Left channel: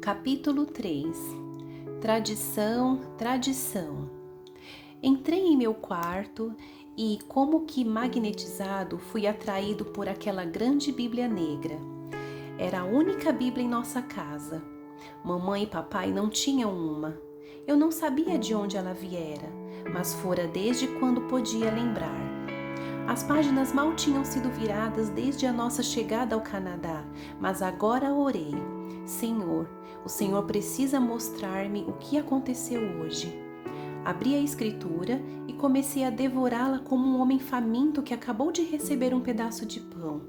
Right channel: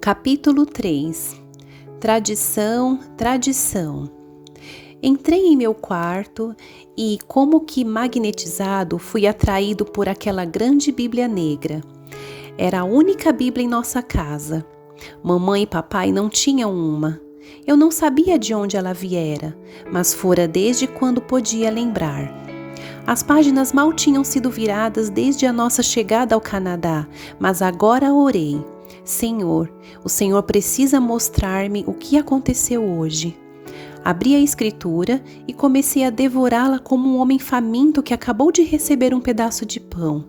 Capítulo 3. Tradição, tradição. Entrei em meu quarto e, como que magnetizado, fui atraído por aquela grande Bíblia negra. Era a única Bíblia em nossa casa. Mamãe e papai não tinham uma. Eu não sabia de onde ela viera, mas fora desde quando podia lembrar. As páginas mal tinham sido viradas desde a nossa chegada ao Canadá, mas agora orei. Senhor, o Senhor precisa mostrar-me o que aconteceu hoje. Abri a escritura e comecei a devorá-la como um homem faminto que acabou de receber um pedaço de pão.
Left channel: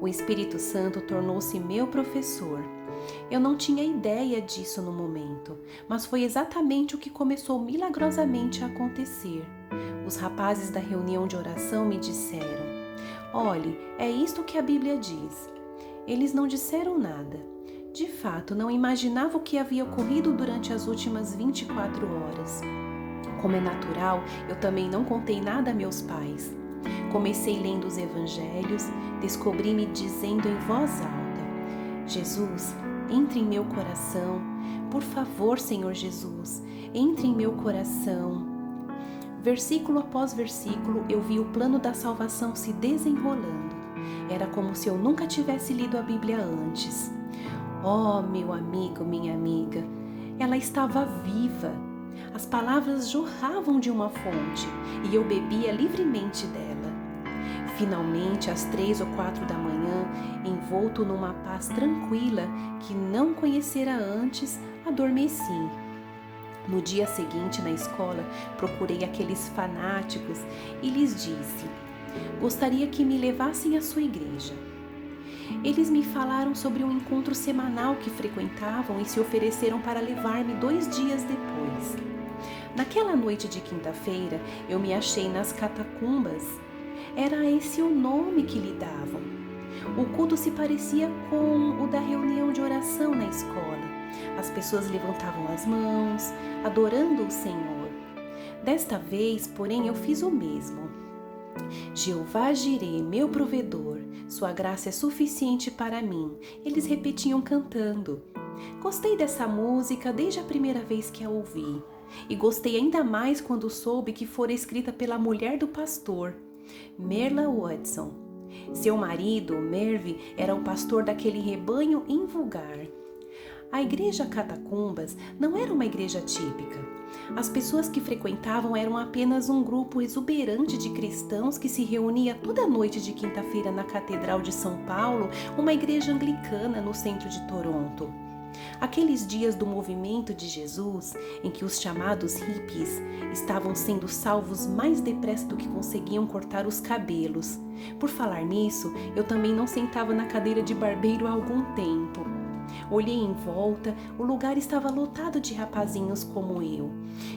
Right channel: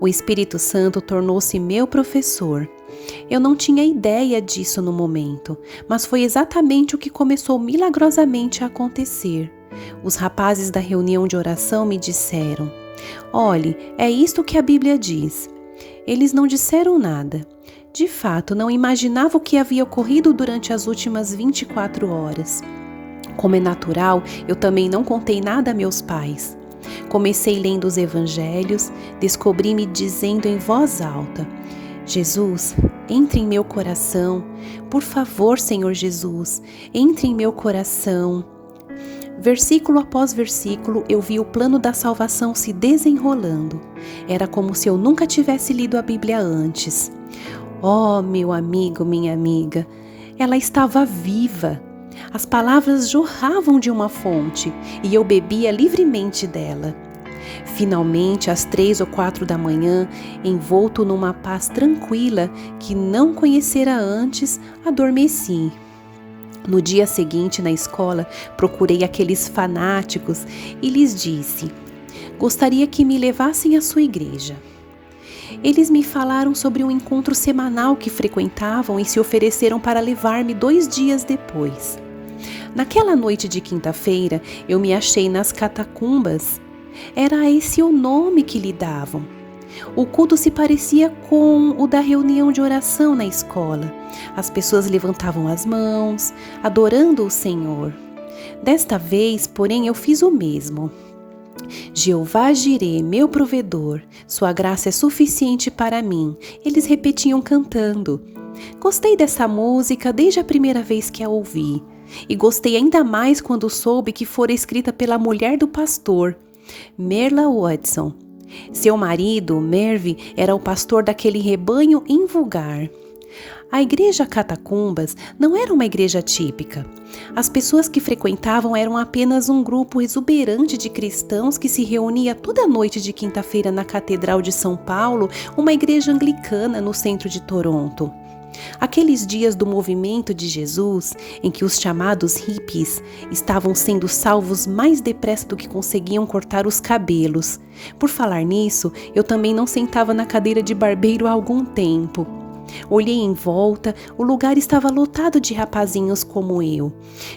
O Espírito Santo tornou-se meu professor. Eu não tinha ideia disso no momento, mas foi exatamente o que começou milagrosamente a acontecer. Os rapazes da reunião de oração me disseram: "Olhe, é isto que a Bíblia diz." Eles não disseram nada. De fato, não imaginava o que havia ocorrido durante as últimas 24 horas. Como é natural, eu também não contei nada a meus pais. Comecei lendo os evangelhos, descobri-me dizendo em voz alta: "Jesus, entre em meu coração. Por favor, Senhor Jesus, entre em meu coração." Versículo após versículo, eu vi o plano da salvação se desenrolando. Era como se eu nunca tivesse lido a Bíblia antes. Oh, meu amigo, minha amiga, ela estava viva. As palavras jorravam de uma fonte e eu bebia livremente dela. Finalmente, às 3 ou 4 da manhã, envolto numa paz tranquila que não conhecera antes, adormeci. No dia seguinte, na escola, procurei aqueles fanáticos e lhes disse: "Gostaria que me levassem à sua igreja." Eles me falaram sobre um encontro semanal que frequentavam e se ofereceram para levar-me 2 dias depois. Naquela noite de quinta-feira, eu me achei nas catacumbas. Era esse o nome que lhe davam. O culto se parecia com o da reunião de oração na escola. As pessoas levantavam as mãos, adorando o Senhor. Desta vez, porém, eu fiz o mesmo. "Jeová Jirê, meu provedor, sua graça é suficiente para mim." Eles repetiam cantando. Gostei dessa música desde a primeira vez que a ouvi. E gostei ainda mais quando soube que fora escrita pela mulher do pastor, Merla Watson. Seu marido, Mervyn, era o pastor daquele rebanho invulgar. A igreja Catacumbas não era uma igreja típica. As pessoas que frequentavam eram apenas um grupo exuberante de cristãos que se reunia toda noite de quinta-feira na Catedral de São Paulo, uma igreja anglicana no centro de Toronto. Aqueles dias do movimento de Jesus, em que os chamados hippies estavam sendo salvos mais depressa do que conseguiam cortar os cabelos. Por falar nisso, eu também não sentava na cadeira de barbeiro há algum tempo. Olhei em volta, o lugar estava lotado de rapazinhos como eu.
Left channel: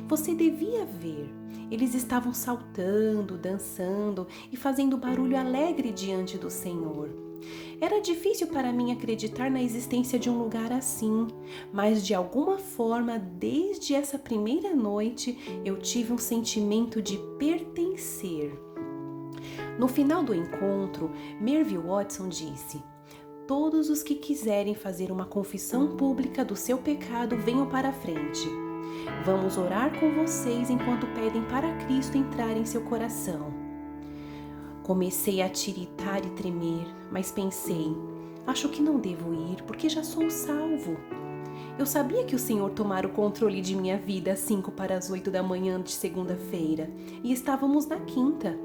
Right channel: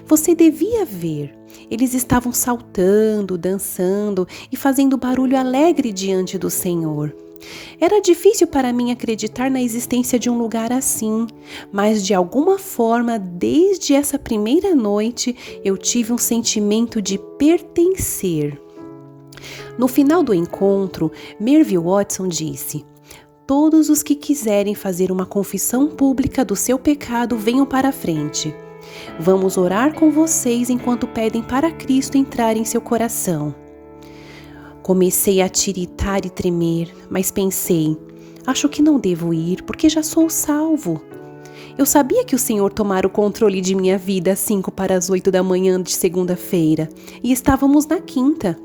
Você devia ver. Eles estavam saltando, dançando e fazendo barulho alegre diante do Senhor. Era difícil para mim acreditar na existência de um lugar assim, mas de alguma forma, desde essa primeira noite, eu tive um sentimento de pertencer. No final do encontro, Mervyn Watson disse: "Todos os que quiserem fazer uma confissão pública do seu pecado, venham para a frente. Vamos orar com vocês enquanto pedem para Cristo entrar em seu coração." Comecei a tiritar e tremer, mas pensei: acho que não devo ir, porque já sou salvo. Eu sabia que o Senhor tomara o controle de minha vida às 5 para as 8 da manhã de segunda-feira, e estávamos na quinta.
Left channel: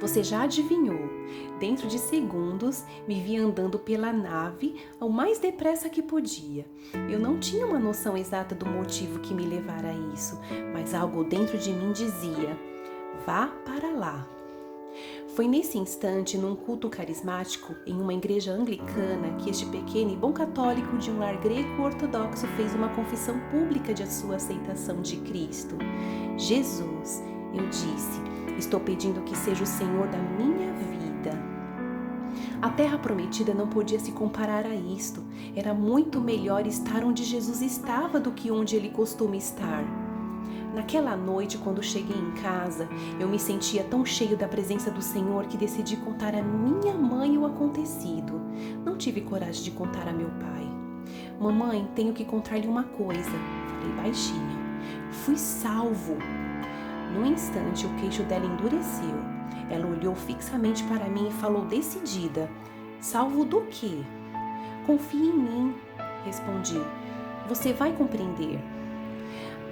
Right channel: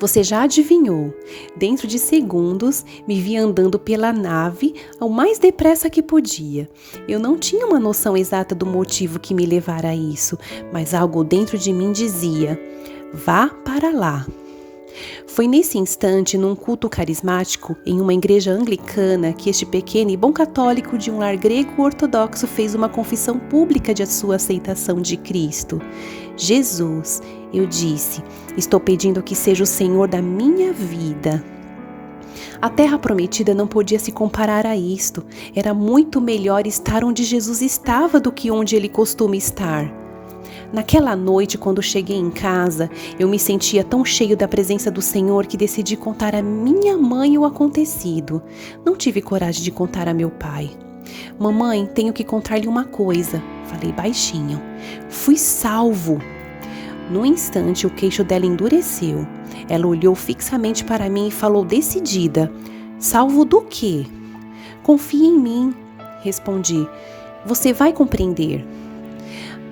Você já adivinhou. Dentro de segundos, me vi andando pela nave ao mais depressa que podia. Eu não tinha uma noção exata do motivo que me levara a isso, mas algo dentro de mim dizia: vá para lá. Foi nesse instante, num culto carismático, em uma igreja anglicana, que este pequeno e bom católico de um lar grego-ortodoxo fez uma confissão pública de sua aceitação de Cristo. "Jesus", eu disse, "estou pedindo que seja o Senhor da minha vida." A terra prometida não podia se comparar a isto. Era muito melhor estar onde Jesus estava do que onde ele costuma estar. Naquela noite, quando cheguei em casa, eu me sentia tão cheio da presença do Senhor que decidi contar à minha mãe o acontecido. Não tive coragem de contar a meu pai. Mamãe, tenho que contar-lhe uma coisa, falei baixinho. Fui salvo. No instante, o queixo dela endureceu. Ela olhou fixamente para mim e falou decidida: salvo do quê? Confie em mim, respondi. Você vai compreender.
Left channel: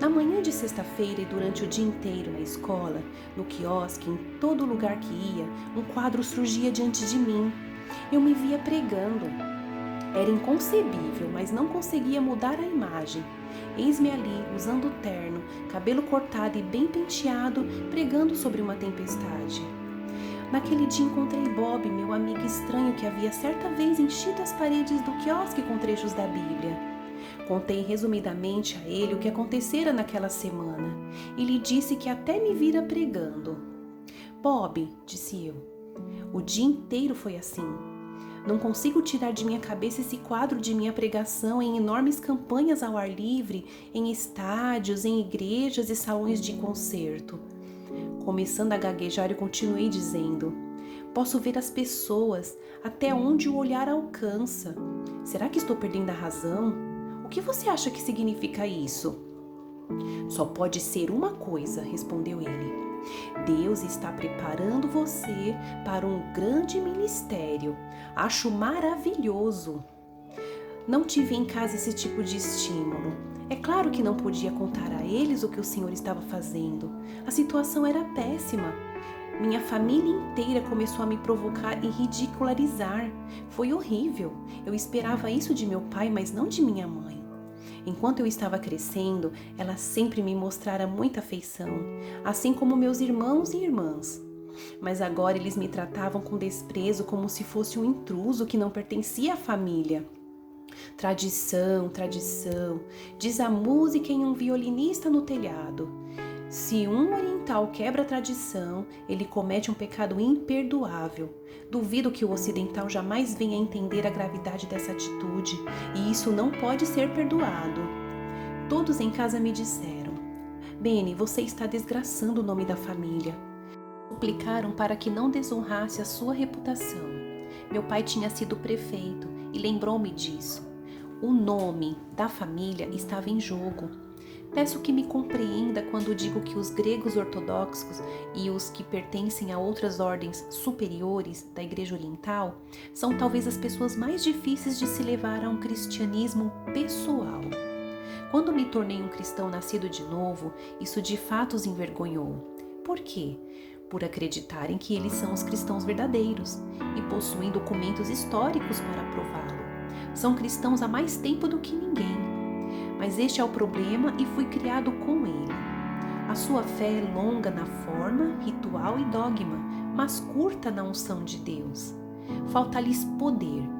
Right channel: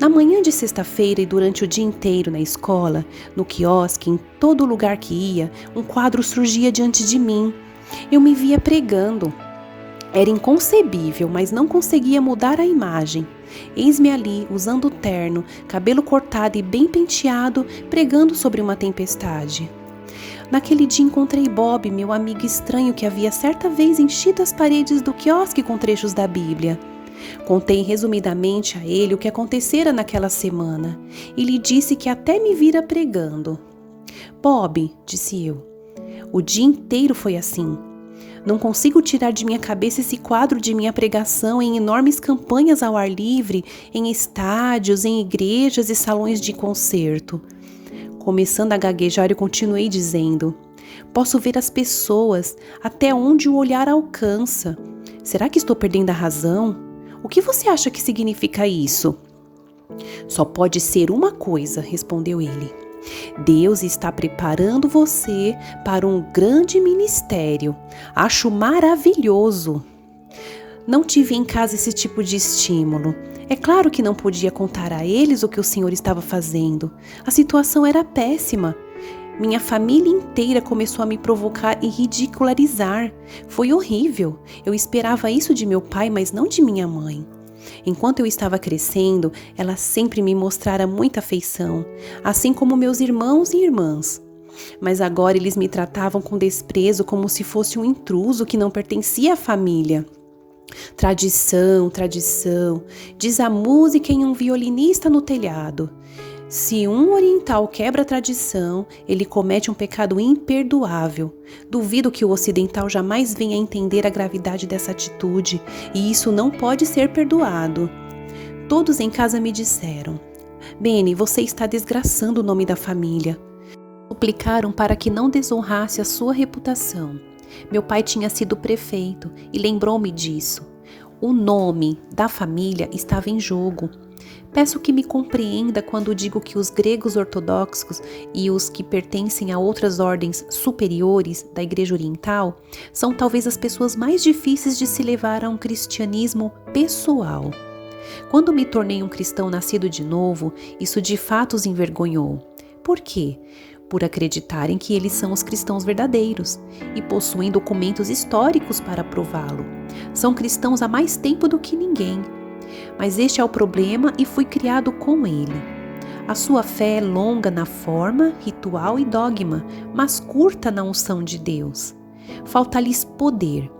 Na manhã de sexta-feira e durante o dia inteiro na escola, no quiosque, em todo lugar que ia, um quadro surgia diante de mim. Eu me via pregando. Era inconcebível, mas não conseguia mudar a imagem. Eis-me ali, usando terno, cabelo cortado e bem penteado, pregando sobre uma tempestade. Naquele dia encontrei Bob, meu amigo estranho que havia certa vez enchido as paredes do quiosque com trechos da Bíblia. Contei resumidamente a ele o que acontecera naquela semana e lhe disse que até me vira pregando. Bob, disse eu, o dia inteiro foi assim. Não consigo tirar de minha cabeça esse quadro de minha pregação em enormes campanhas ao ar livre, em estádios, em igrejas e salões de concerto. Começando a gaguejar, eu continuei dizendo: posso ver as pessoas até onde o olhar alcança. Será que estou perdendo a razão? O que você acha que significa isso? Só pode ser uma coisa, respondeu ele. Deus está preparando você para um grande ministério. Acho maravilhoso. Não tive em casa esse tipo de estímulo. É claro que não podia contar a eles o que o Senhor estava fazendo. A situação era péssima. Minha família inteira começou a me provocar e ridicularizar. Foi horrível. Eu esperava isso de meu pai, mas não de minha mãe. Enquanto eu estava crescendo, ela sempre me mostrara muita afeição, assim como meus irmãos e irmãs. Mas agora eles me tratavam com desprezo como se fosse um intruso que não pertencia à família. Tradição, tradição, diz a música em um violinista no telhado. Se um oriental quebra a tradição, ele comete um pecado imperdoável. Duvido que o ocidental jamais venha a entender a gravidade dessa atitude, e isso não pode ser perdoado. Todos em casa me disseram: Benny, você está desgraçando o nome da família. Suplicaram para que não desonrasse a sua reputação. Meu pai tinha sido prefeito e lembrou-me disso. O nome da família estava em jogo. Peço que me compreenda quando digo que os gregos ortodoxos e os que pertencem a outras ordens superiores da Igreja Oriental são talvez as pessoas mais difíceis de se levar a um cristianismo pessoal. Quando me tornei um cristão nascido de novo, isso de fato os envergonhou. Por quê? Por acreditarem que eles são os cristãos verdadeiros e possuem documentos históricos para prová-lo. São cristãos há mais tempo do que ninguém. Mas este é o problema e fui criado com ele. A sua fé é longa na forma, ritual e dogma, mas curta na unção de Deus. Falta-lhes poder.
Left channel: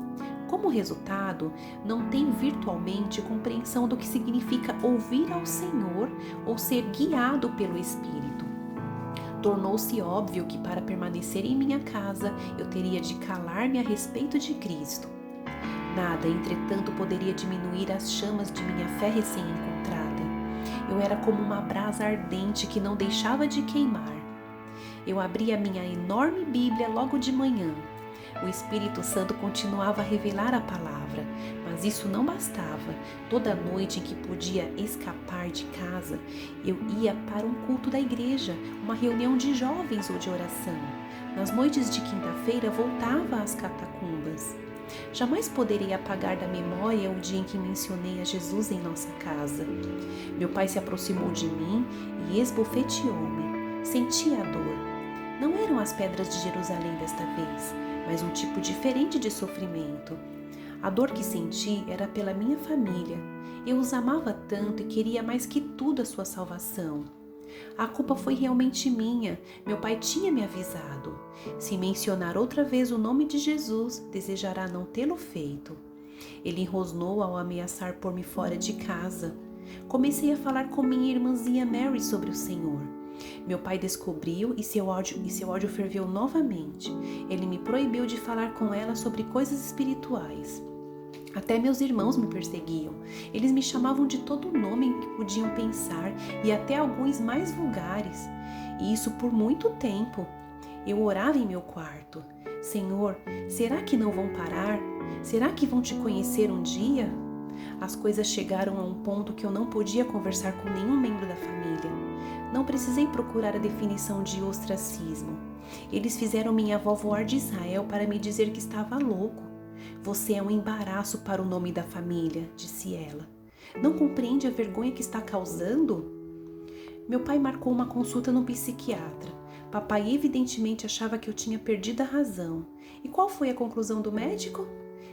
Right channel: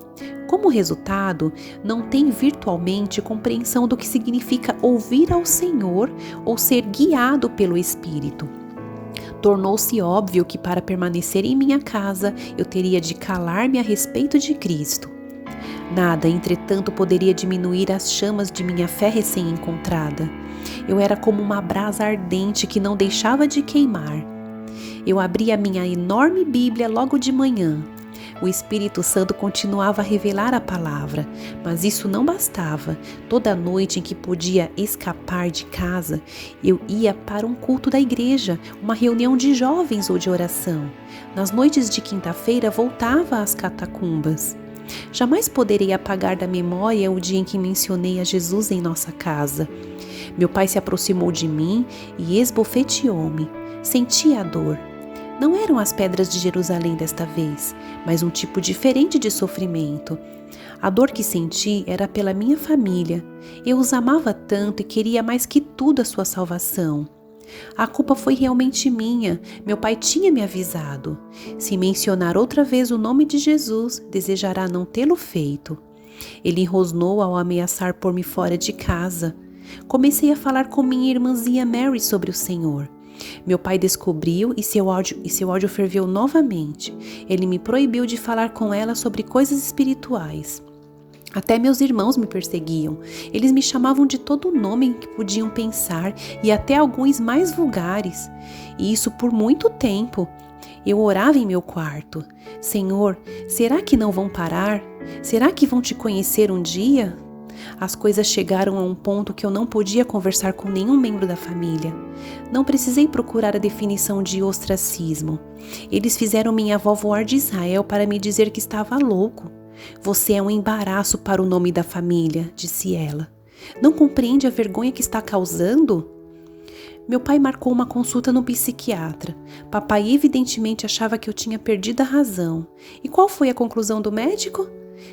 Como resultado, não tem virtualmente compreensão do que significa ouvir ao Senhor ou ser guiado pelo Espírito. Tornou-se óbvio que para permanecer em minha casa eu teria de calar-me a respeito de Cristo. Nada, entretanto, poderia diminuir as chamas de minha fé recém-encontrada. Eu era como uma brasa ardente que não deixava de queimar. Eu abri a minha enorme Bíblia logo de manhã. O Espírito Santo continuava a revelar a palavra, mas isso não bastava. Toda noite em que podia escapar de casa, eu ia para um culto da igreja, uma reunião de jovens ou de oração. Nas noites de quinta-feira, voltava às catacumbas. Jamais poderei apagar da memória o dia em que mencionei a Jesus em nossa casa. Meu pai se aproximou de mim e esbofeteou-me. Senti a dor. Não eram as pedras de Jerusalém desta vez, mas um tipo diferente de sofrimento. A dor que senti era pela minha família. Eu os amava tanto e queria mais que tudo a sua salvação. A culpa foi realmente minha. Meu pai tinha me avisado. Se mencionar outra vez o nome de Jesus, desejará não tê-lo feito. Ele rosnou ao ameaçar pôr-me fora de casa. Comecei a falar com minha irmãzinha Mary sobre o Senhor. Meu pai descobriu e seu ódio ferveu novamente. Ele me proibiu de falar com ela sobre coisas espirituais. Até meus irmãos me perseguiam. Eles me chamavam de todo nome em que podiam pensar e até alguns mais vulgares. E isso por muito tempo. Eu orava em meu quarto. Senhor, será que não vão parar? Será que vão te conhecer um dia? As coisas chegaram a um ponto que eu não podia conversar com nenhum membro da família. Não precisei procurar a definição de ostracismo. Eles fizeram minha avó voar de Israel para me dizer que estava louco. Você é um embaraço para o nome da família, disse ela. Não compreende a vergonha que está causando? Meu pai marcou uma consulta no psiquiatra. Papai evidentemente achava que eu tinha perdido a razão. E qual foi a conclusão do médico?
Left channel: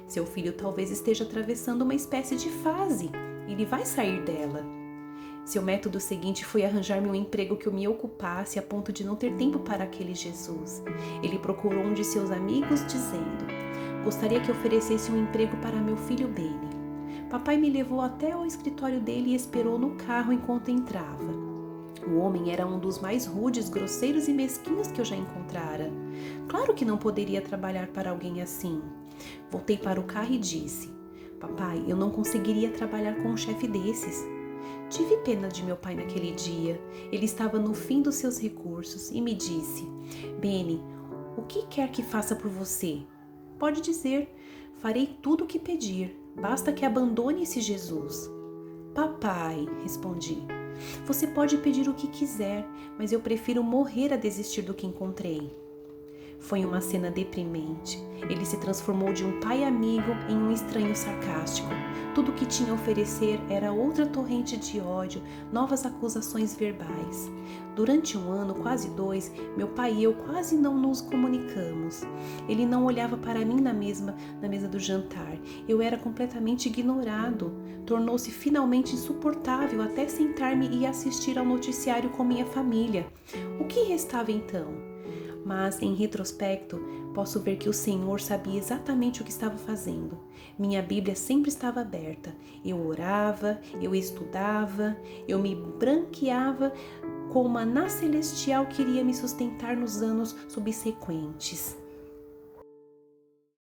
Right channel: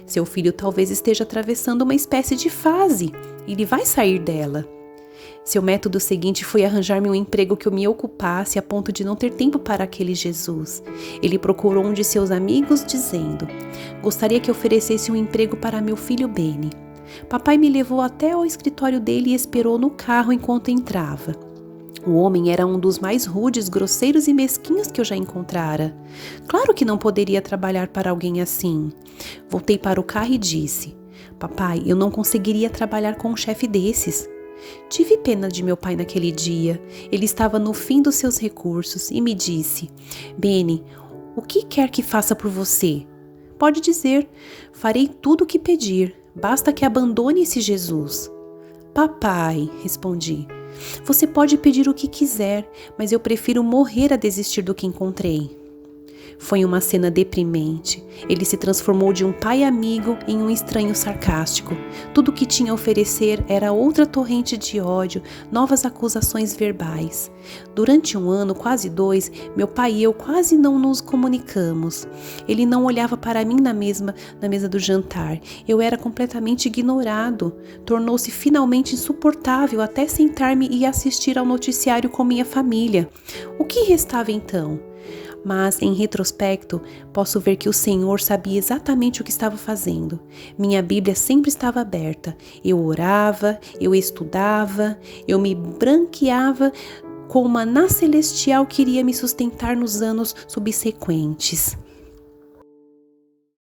Seu filho talvez esteja atravessando uma espécie de fase. Ele vai sair dela. Seu método seguinte foi arranjar-me um emprego que eu me ocupasse a ponto de não ter tempo para aquele Jesus. Ele procurou um de seus amigos dizendo: gostaria que oferecesse um emprego para meu filho Benny. Papai me levou até ao escritório dele e esperou no carro enquanto entrava. O homem era um dos mais rudes, grosseiros e mesquinhos que eu já encontrara. Claro que não poderia trabalhar para alguém assim. Voltei para o carro e disse: papai, eu não conseguiria trabalhar com um chefe desses. Tive pena de meu pai naquele dia. Ele estava no fim dos seus recursos e me disse: Benny, o que quer que faça por você? Pode dizer, farei tudo o que pedir, basta que abandone esse Jesus. Papai, respondi, você pode pedir o que quiser, mas eu prefiro morrer a desistir do que encontrei. Foi uma cena deprimente. Ele se transformou de um pai amigo em um estranho sarcástico. Tudo o que tinha a oferecer era outra torrente de ódio, novas acusações verbais. Durante 1 ano, quase 2, meu pai e eu quase não nos comunicamos. Ele não olhava para mim na mesa do jantar. Eu era completamente ignorado. Tornou-se finalmente insuportável até sentar-me e assistir ao noticiário com minha família. O que restava então? Mas, em retrospecto, posso ver que o Senhor sabia exatamente o que estava fazendo. Minha Bíblia sempre estava aberta. Eu orava, eu estudava, eu me branqueava com uma maná celestial que iria me sustentar nos anos subsequentes.